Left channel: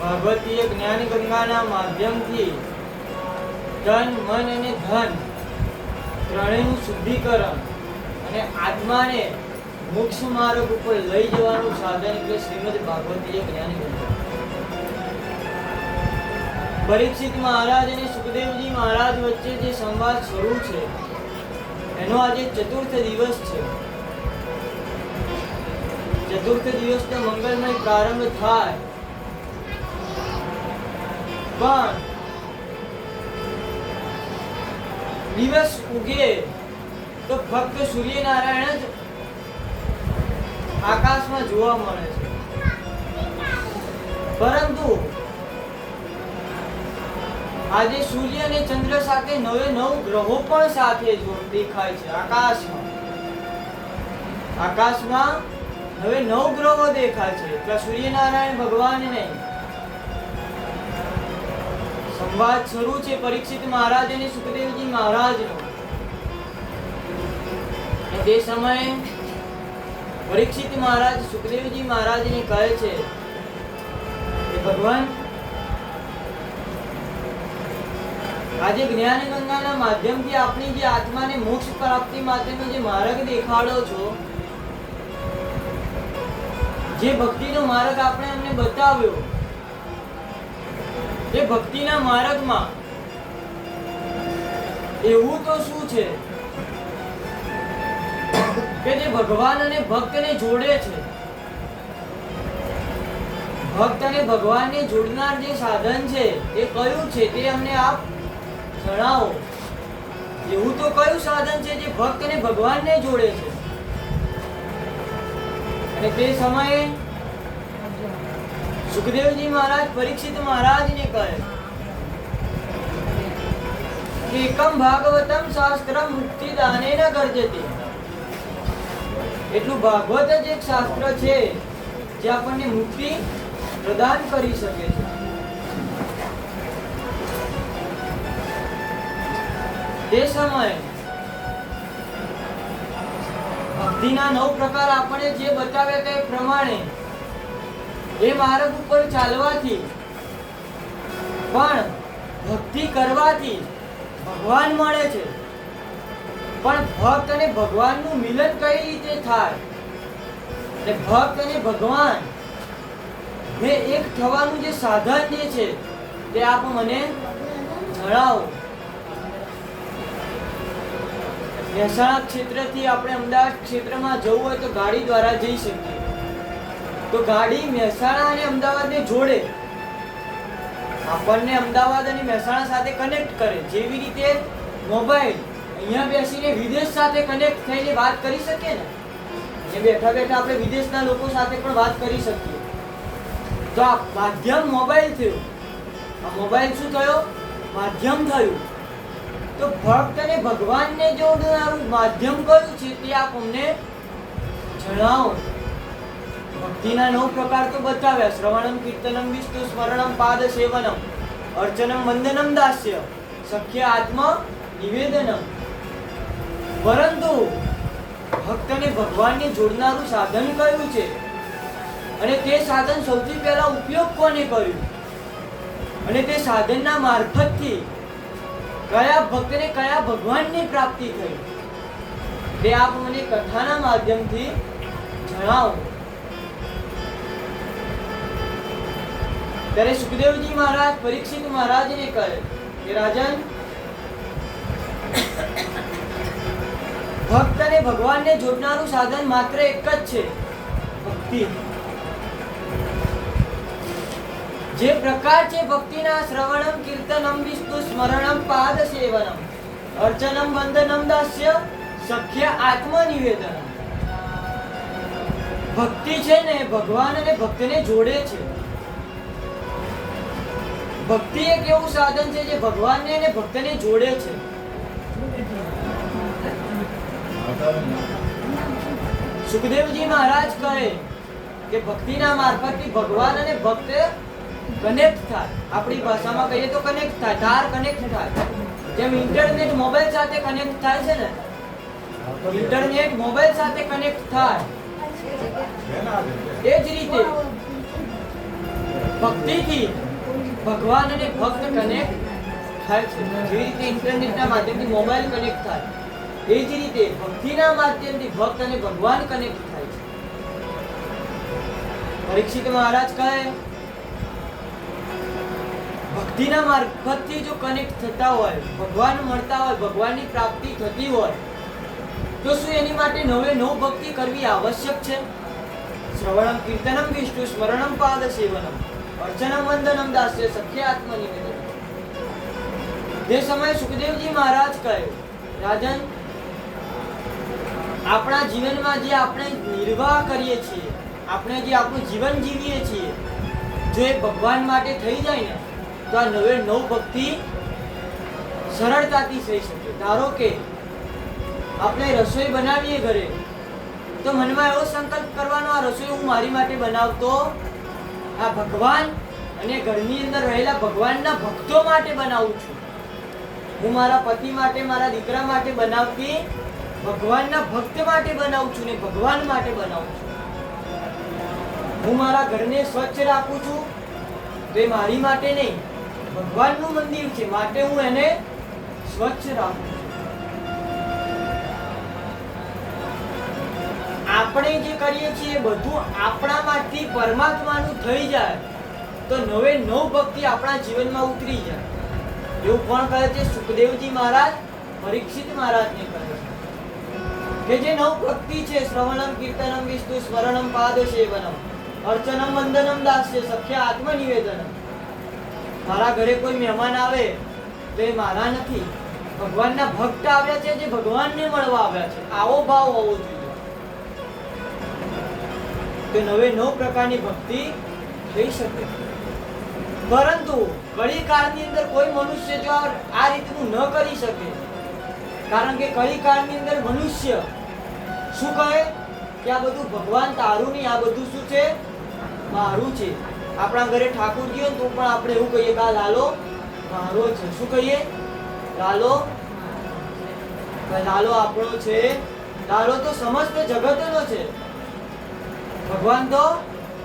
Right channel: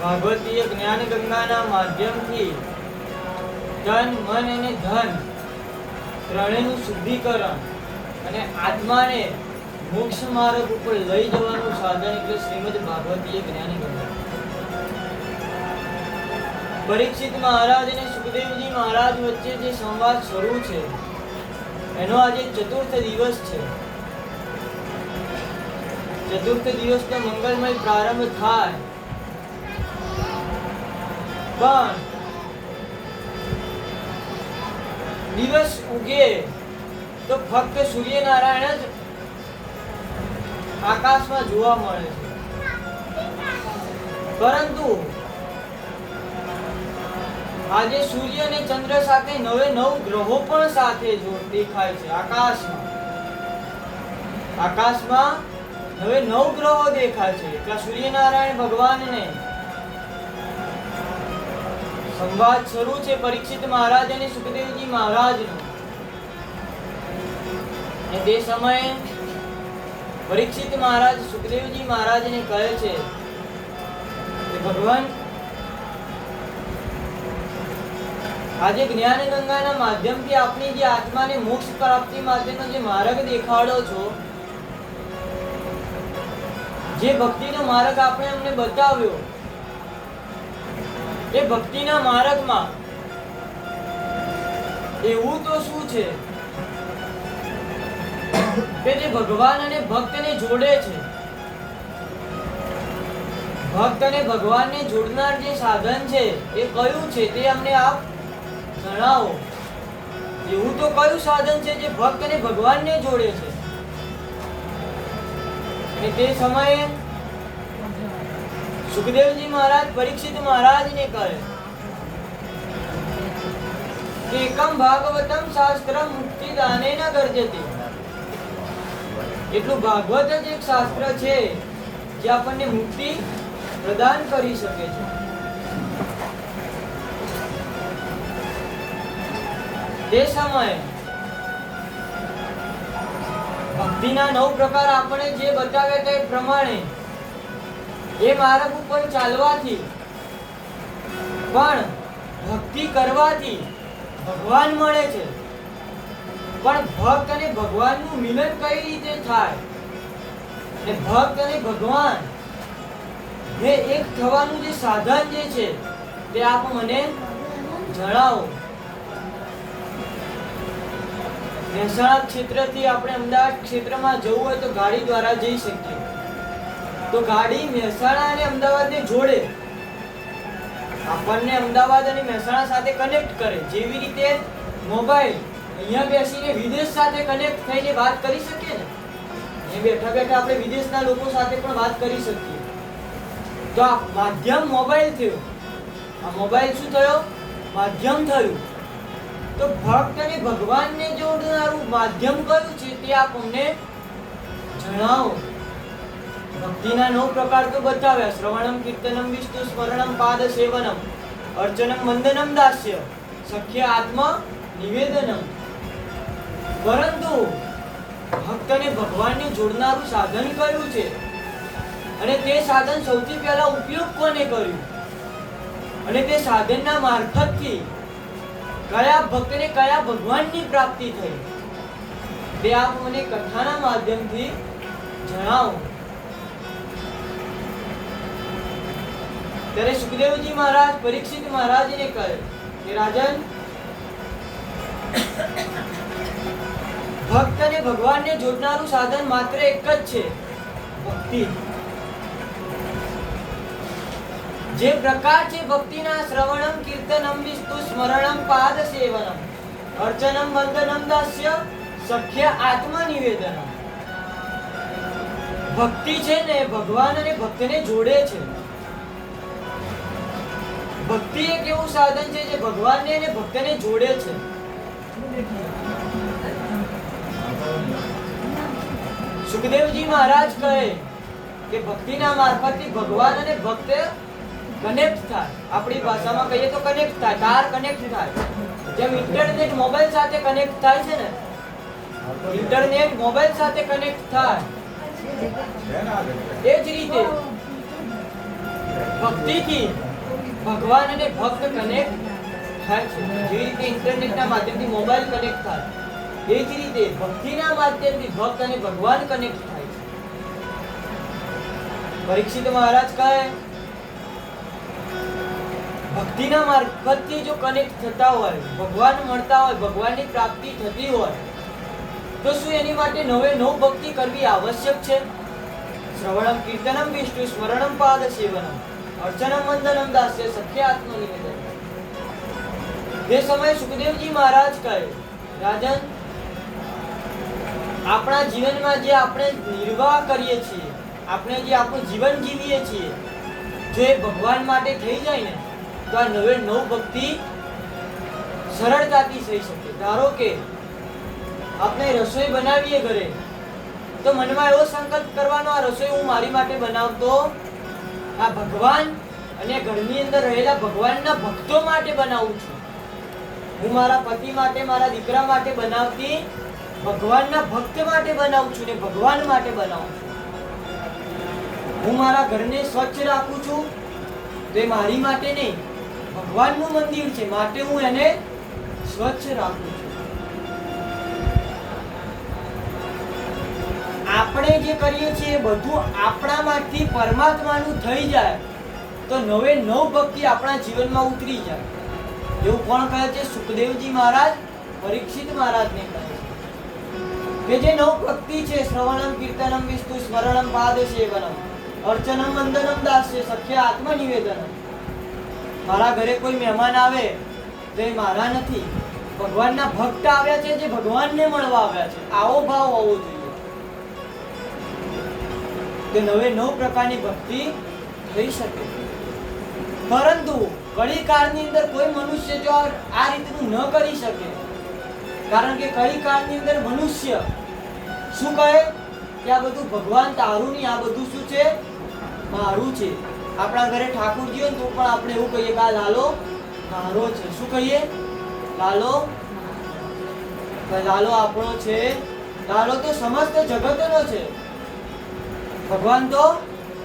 ભાગવતીય જ્ઞાન ગંગાના માધ્યમથી તન મન અને ધન ત્રણેયનું શુદ્ધિકરણ અને આત્માને મોક્ષ માર્ગ ઉપર લઈ જવાનું સાધન એટલે શ્રીમદ ભાગવતીય જ્ઞાન ગંગા. પરીક્ષિત મહારાજ અને સુખદેવજી મહારાજ વચ્ચે જે સંવાદ શરૂ છે એનો આજે ચતુર્થ દિવસ છે. ચતુર્થ દિવસનો મંગળમય પ્રારંભ થાય પણ દિવસ ઉગે તો ફક્ત સૂર્યનારાયણ જ આકાશમાં જોવા મળે છે. પરંતુ આજે સૂર્ય અને ચંદ્ર સાથે નવે નવ ગ્રહો પણ સાથે દેખાય છે. આકાશમાં નવે નવ ગ્રહો દેખાય છે. એટલે સૂર્યનારાયણ ભગવાનને સંવાદ શરૂ છે પરીક્ષિત મહારાજ અને સુખદેવજી મહારાજનો. તે સમયે પરીક્ષિત મહારાજ સુખદેવજી મહારાજને કહે છે કે ભગવાન, આજે જ્ઞાન ગંગાના માધ્યમથી આપણી જે આત્માને મોક્ષ પ્રાપ્તિ માટેનો જે માર્ગ દેખાડો છો, જે ભક્તિનો માર્ગ આપણે અમને બતાવ્યો, એ ભક્તિના માર્ગમાં એવું તો શું છે કે જે ભગવાન અને ભક્તને જોડે છે? ભક્ત અને ભગવાનને જોડનાર જે સાધન છે એ કયું છે તે અમને આપ જણાવો. એવું તો કયું સાધન છે જે ભક્ત અને ભગવાનને જોડે છે? અને તે સમયે સુખદેવજી મહારાજ પરીક્ષિત મહારાજને કહે કે એકમ ભાગવતમ શાસ્ત્ર મુક્તિ દાનેન ગર્જતે. એટલું ભાગવત જ એક શાસ્ત્ર છે જે આપણને મુક્તિ પ્રદાન કરી શકે છે. તે સમયે ભક્તિના 9 પ્રકાર આપણે જે બતાવ્યા તે પ્રમાણે એ માર્ગ ઉપર ચાલવાથી પણ ભક્તિ કરવાથી ભગવાન મળે છે. પણ ભક્ત અને ભગવાનનું મિલન કઈ રીતે થાય અને ભક્ત અને ભગવાન ને એક થવાનું જે સાધન જે છે તે આપ મને જણાવો. મહેસાણા ક્ષેત્રથી આપણે અમદાવાદ ક્ષેત્રમાં જવું હોય તો ગાડી દ્વારા જઈ શકીએ. તો ગાડી મહેસાણા અને અમદાવાદને જોડે, આપણને અમદાવાદ અને મહેસાણા સાથે કનેક્ટ કરે. જેવી રીતે મોબાઈલ અહીંયા બેસીને વિદેશ સાથે કનેક્ટ થઈને વાત કરી શકીએ ને, એ બેઠા બેઠા આપણે વિદેશના લોકો સાથે પણ વાત કરી શકીએ. તો આ માધ્યમ મોબાઈલ થયો. આ મોબાઈલ શું થયો? માધ્યમ થયું. તો ભક્ત અને ભગવાનને જોડનારું માધ્યમ કયું છે તે આપ અમને જણાવો. ભક્તિના 9 પ્રકાર તો બતાવ્યા: શ્રવણમ, કીર્તનમ, વિષ્ણુ સ્મરણમ, પાદ સેવનમ, અર્ચનમ, વંદનમ, દાસ્ય, સખ્ય આત્મ નિવેદનમ. પરંતુ ભક્ત અને ભગવાનને જોડનારું સાધન કયું છે અને તે સાધન સૌથી પહેલા ઉપયોગ કોને કર્યું અને તે સાધનના મારફતથી કયા ભક્તને કયા ભગવાનની પ્રાપ્તિ થઈ તે આપ મને કથાના માધ્યમથી જણાવો. ત્યારે સુખદેવજી મહારાજ પરીક્ષિત મહારાજને કહે કે રાજન, ભક્ત અને ભગવાનને જોડનારું સાધન માત્ર એક જ છે, ભક્તિ. જે પ્રકાર છે ભક્તિના: શ્રવણમ, કીર્તનમ, વિષ્ણુ સ્મરણમ, પાદ સેવનમ, અર્ચનમ, વંદનમ, દાસ્ય, સખ્ય આત્મ નિવેદનમ. ભક્તિ છે ને ભગવાન અને ભક્તને જોડે છે. ભક્તિ એક એવું સાધન છે જે ભગવાનને અને ભક્તને જોડે છે. સુખદેવજી મહારાજ કહે કે ભક્તિના મારફતથી ભગવાન અને ભક્ત કનેક્ટ થાય. આપણી ભાષામાં કહીએ તો કનેક્ટ થાય, તાર કનેક્ટ થાય. જેમ ઇન્ટરનેટ મોબાઈલ સાથે કનેક્ટ થાય છે ને, ઇન્ટરનેટ મોબાઈલ સાથે કનેક્ટ થાય એ જ રીતે ભક્તિ ભક્તિથી ભગવાન અને ભક્ત કનેક્ટ થાય છે. જેવી રીતે ઇન્ટરનેટના માધ્યમથી મોબાઈલ કનેક્ટ થાય, એ જ રીતે ભક્તિના માધ્યમથી ભક્ત અને ભગવાન કનેક્ટ થાય છે. પરીક્ષિત મહારાજ કહે, ભક્તિના મારફતથી જો કનેક્ટ થતા હોય, ભગવાન મળતા હોય, ભગવાનની પ્રાપ્તિ થતી હોય, તો શું એની માટે નવે નવ ભક્તિ કરવી આવશ્યક છે? શ્રવણમ કીર્તનમ વિષ્ણુ સ્મરણમ પાદ સેવનમ અર્ચનમ વંદનમ દાસ્ય સખ્ય આત્મનિવેદન. તે સમયે સુખદેવજી મહારાજ કહે, રાજન, આપણા જીવનમાં જે આપણે નિર્વાહ કરીએ છીએ, આપણે જે આપણું જીવન જીવીએ છીએ, જો એ ભગવાન માટે થઈ જાય ને, તો આ નવે નવ ભક્તિ સરળતાથી થઈ શકે. ધારો કે આપણે રસોઈ બનાવીએ ઘરે, તો મનમાં એવો સંકલ્પ કરવાનો, આ રસોઈ હું મારી માટે બનાવતો આ ભગવાન અને ઘરની અંદર રહેલા ભગવાનના ભક્તો માટે બનાવું છું. હું મારા પતિ માટે, મારા દીકરા માટે બનાવતી ભગવાનના ભક્ત માટે બનાવું છું ને ભગવાન માટે બનાવું છું. હું મારા ઘરને સ્વચ્છ રાખું છું, તો એ મારી માટે નહીં, ભગવાનનું મંદિર છે, માટે હું એને સ્વચ્છ રાખું છું. આપણે જે કરીએ છીએ બધું આપણામાંથી પરમાત્માનું થઈ જાય, તો નવે નવ ભક્તિ આપણા જીવનમાં ઉતરી જાય. એવું કોણ કહે છે? સુખદેવજી મહારાજ પરીક્ષિત મહારાજને કહે છે કે જે નવ ભક્તિ છે, શ્રવણમ કીર્તનમ વિષ્ણુ સ્મરણમ પાદ સેવનમ અર્ચનમ વંદનમ દાસ્ય સખ્ય આત્મનિવેદનમ. મારા ઘરે કોઈ મહેમાન આવે તો એ મારા નથી, ભગવાનના ભક્ત આવ્યા છે, જે ભગવાનને મળવા આવ્યા છે. આવો ભાવ હોવો જોઈએ. તો નવે નવ પ્રકારની ભક્તિ થઈ શકે. પરંતુ કળી કાળની અંદર કોઈ મનુષ્ય જો આ રીતનું ન કરી શકે, કારણ કે કળી કાળની અંદર મનુષ્ય શું કહે કે આ બધું ભગવાન તારું નહીં, આ બધું શું છે? મારું છે. આપણા ઘરે ઠાકોરજી હોય તો પણ આપણે એવું કહીએ કે આ લાલો મારો છે. શું કહીએ? લાલો લાલો આપણો છે. લાલો તો સમસ્ત જગતનો છે, ભગવાન તો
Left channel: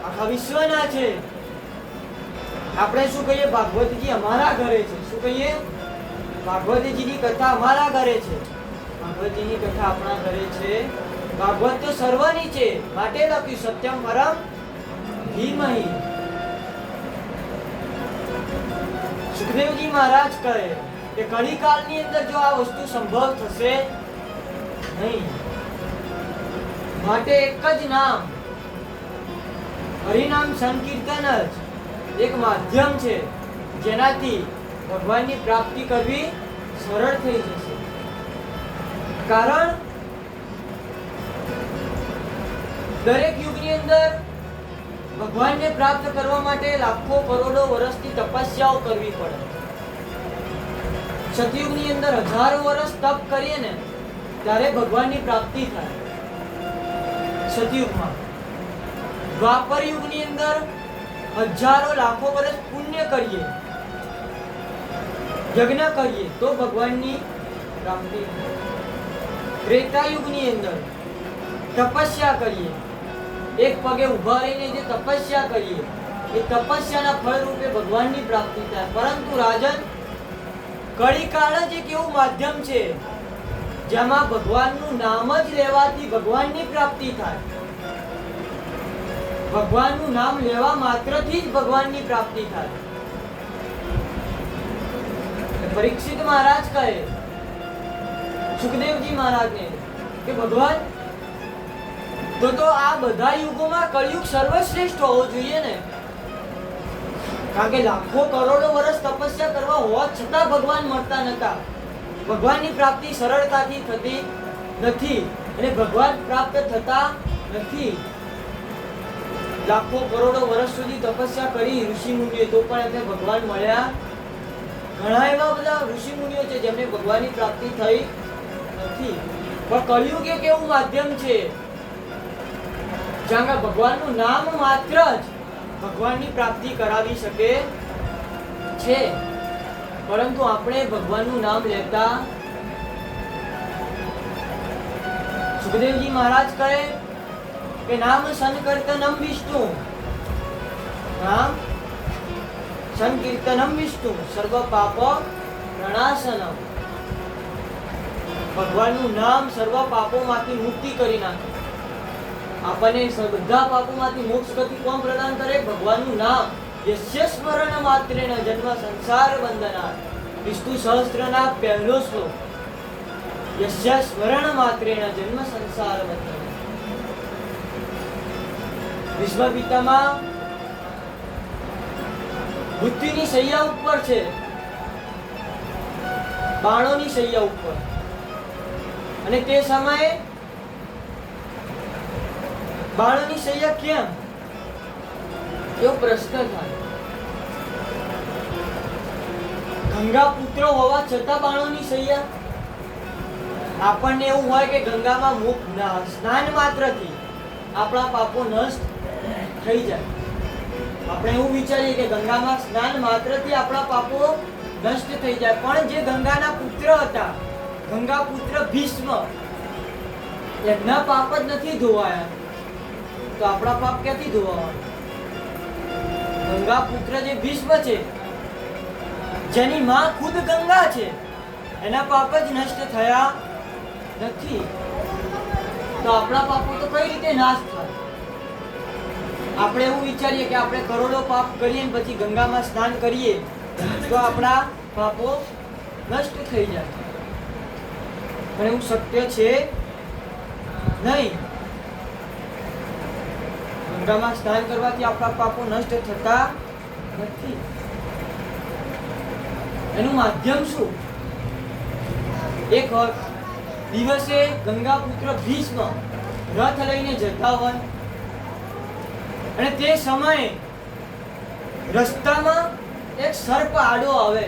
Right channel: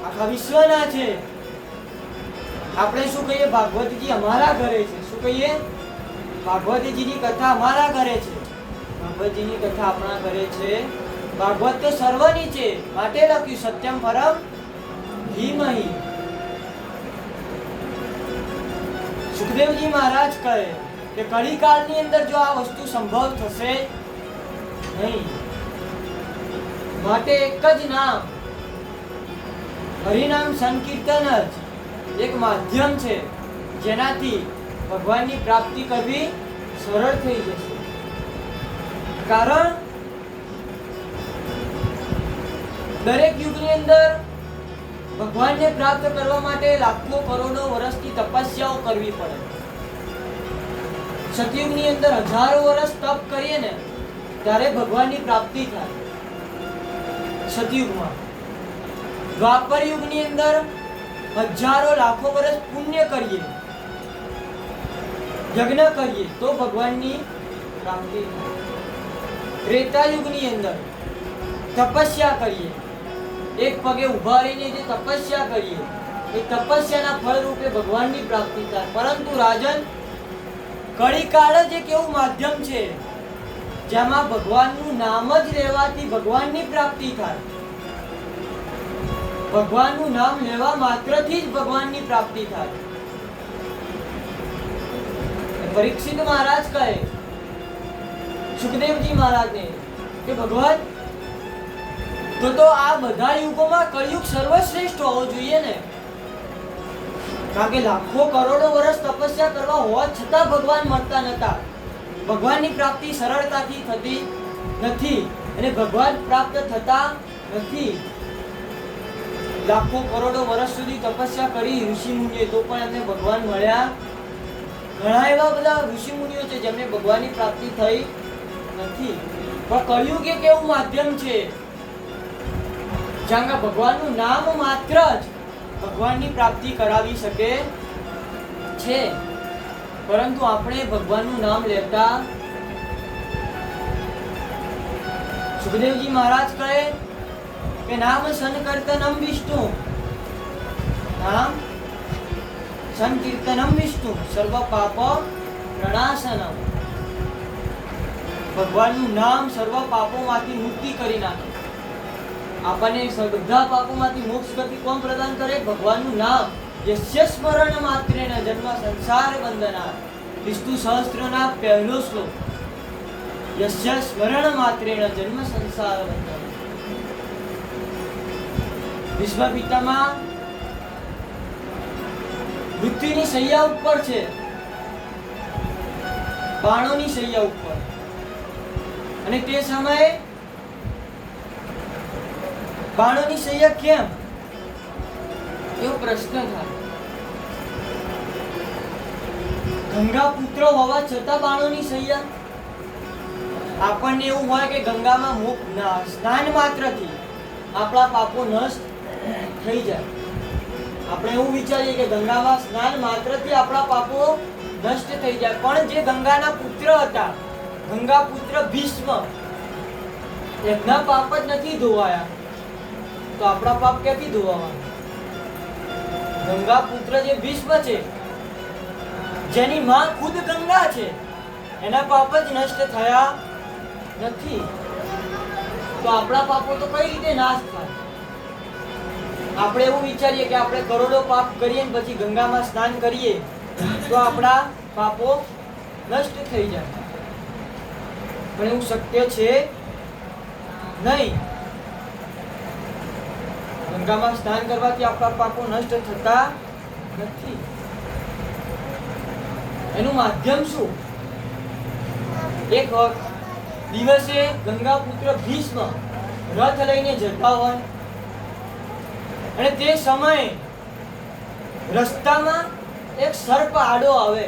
આખા વિશ્વના છે. આપણે શું કહીએ? ભાગવતજી અમારા ઘરે છે. શું કહીએ? ભાગવતજીની કથા અમારા ઘરે છે. ભાગવતજીની કથા આપણા ઘરે છે. ભાગવત તો સર્વની છે, માટે લખ્યું સત્યમ પરમ ધીમહિ. સુખદેવજી મહારાજ કહે કે કળીકાળની અંદર જો આ વસ્તુ સંભવ થશે નહીં, માટે એક જ નામ, હરિનામ સંકીર્તન જ એક માધ્યમ છે, જેનાથી ભગવાનની પ્રાપ્તિ કરવી સરળ થઈ જશે. કારણ દરેક યુગની અંદર ભગવાનને પ્રાપ્ત કરવા માટે લાખો કરોડો વર્ષની તપસ્યાઓ કરવી પડે. સતયુગની અંદર હજારો વર્ષ તપ કરીએ ને ત્યારે ભગવાનની પ્રાપ્તિ થાય. સતયુગમાં. દ્વાપર યુગની અંદર હજારો લાખો વર્ષ પુણ્ય કરીએ, યજ્ઞ કરીએ તો ભગવાનની પ્રાપ્તિ થાય. ત્રેતા યુગની અંદર તપસ્યા કરીએ, એક પગે ઉભા રહીને જે તપસ્યા કરીએ, એ તપસ્યાના ફળ રૂપે ભગવાનની પ્રાપ્તિ થાય. પરંતુ રાજન, કળીકાળ જ એક એવું માધ્યમ છે જેમાં ભગવાનનું નામ જ લેવાથી ભગવાનની પ્રાપ્તિ થાય. ભગવાનનું નામ લેવા માત્રથી જ ભગવાનની પ્રાપ્તિ થાય. પરીક્ષિત મહારાજ કહે સુખદેવજી મહારાજને કે ભગવાન, તો આ બધા યુગોમાં કળિયુગ સર્વશ્રેષ્ઠ હોવો જોઈએ ને, કારણ કે લાખો કરોડો વર્ષ તપસ્યા કરવા હોવા છતાં ભગવાન મળતા નતા. ભગવાનની પ્રાપ્તિ સરળતાથી થતી નથી અને ભગવાન પ્રાપ્ત થતા નથી. લાખો કરોડો વર્ષ સુધી તપસ્યા કરી ઋષિ મુનિએ, તો પણ એમને ભગવાન મળ્યા. ઘણા એવા બધા ઋષિ મુનિઓ છે જેમને ભગવાનની પ્રાપ્તિ થઈ નથી. પણ કળિયુગ એક એવું માધ્યમ છે જ્યાં ભગવાનનું નામ માત્ર જ ભગવાનની પ્રાપ્તિ કરાવી શકે છે. પરંતુ આપણે ભગવાનનું નામ લેતા. સુખદેવજી મહારાજ કહે કે નામ સંકીર્તનમ વિષ્ણુ, નામ સંકીર્તનમ વિષ્ણુ સર્વ પાપ પ્રણાશનમ. ભગવાનનું નામ સર્વ પાપોમાંથી મુક્તિ કરી નાખે. આપણને બધા પાપોમાંથી મોક્ષ ગતિ કોણ પ્રદાન કરે? ભગવાનનું નામ. યસ્ય સ્મરણ માત્રેણ જન્મ સંસાર બંધનાत्. વિષ્ણુ સહસ્ત્રના પહેલો શ્લોક. યસ્ય સ્મરણ માત્રેણ જન્મ સંસાર બંધનાत्. ભીષ્મ પિતામહ મૃત્યુની શૈયા ઉપર છે, બાણોની શૈયા ઉપર, અને તે સમયે બાણોની શૈયા કેમ, એવો પ્રશ્ન થાય. ગંગા પુત્ર હોવા છતાં બાણોની શૈયા. આપણને એવું હોય કે ગંગામાં સ્નાન માત્રથી આપણા પાપો નષ્ટ થઈ જાય. આપણે એવું વિચારીએ કે ગંગામાં સ્નાન માત્રથી આપણા પાપો નષ્ટ થઈ જાય. પણ જે ગંગાના પુત્ર હતા, ગંગા પુત્ર ભીષ્મ, એમના પાપ જ નથી ધોવાયા, તો આપણા પાપ ક્યાંથી ધોવાના? ગંગા પુત્ર જે ભીષ્મ છે, જેની માં ખુદ ગંગા છે, એના પાપ જ નષ્ટ થયા નથી, તો આપણા પાપો તો કઈ રીતે નાશ થાય? આપણે એવું વિચારીએ કે આપણે કરોડો પાપ કરીએ ને પછી ગંગામાં સ્નાન કરીએ તો આપણા પાપો નષ્ટ થઈ જાય. પણ એવું શક્ય છે નહીં. ગંગામાં સ્નાન કરવાથી આપણા પાપો નષ્ટ થતા નથી. એનું માધ્યમ શું? એક દિવસે ગંગા પુત્ર ભીષ્મ રથ લઈને જતા હોય અને તે સમયે રસ્તામાં એક સર્પ આડો આવે.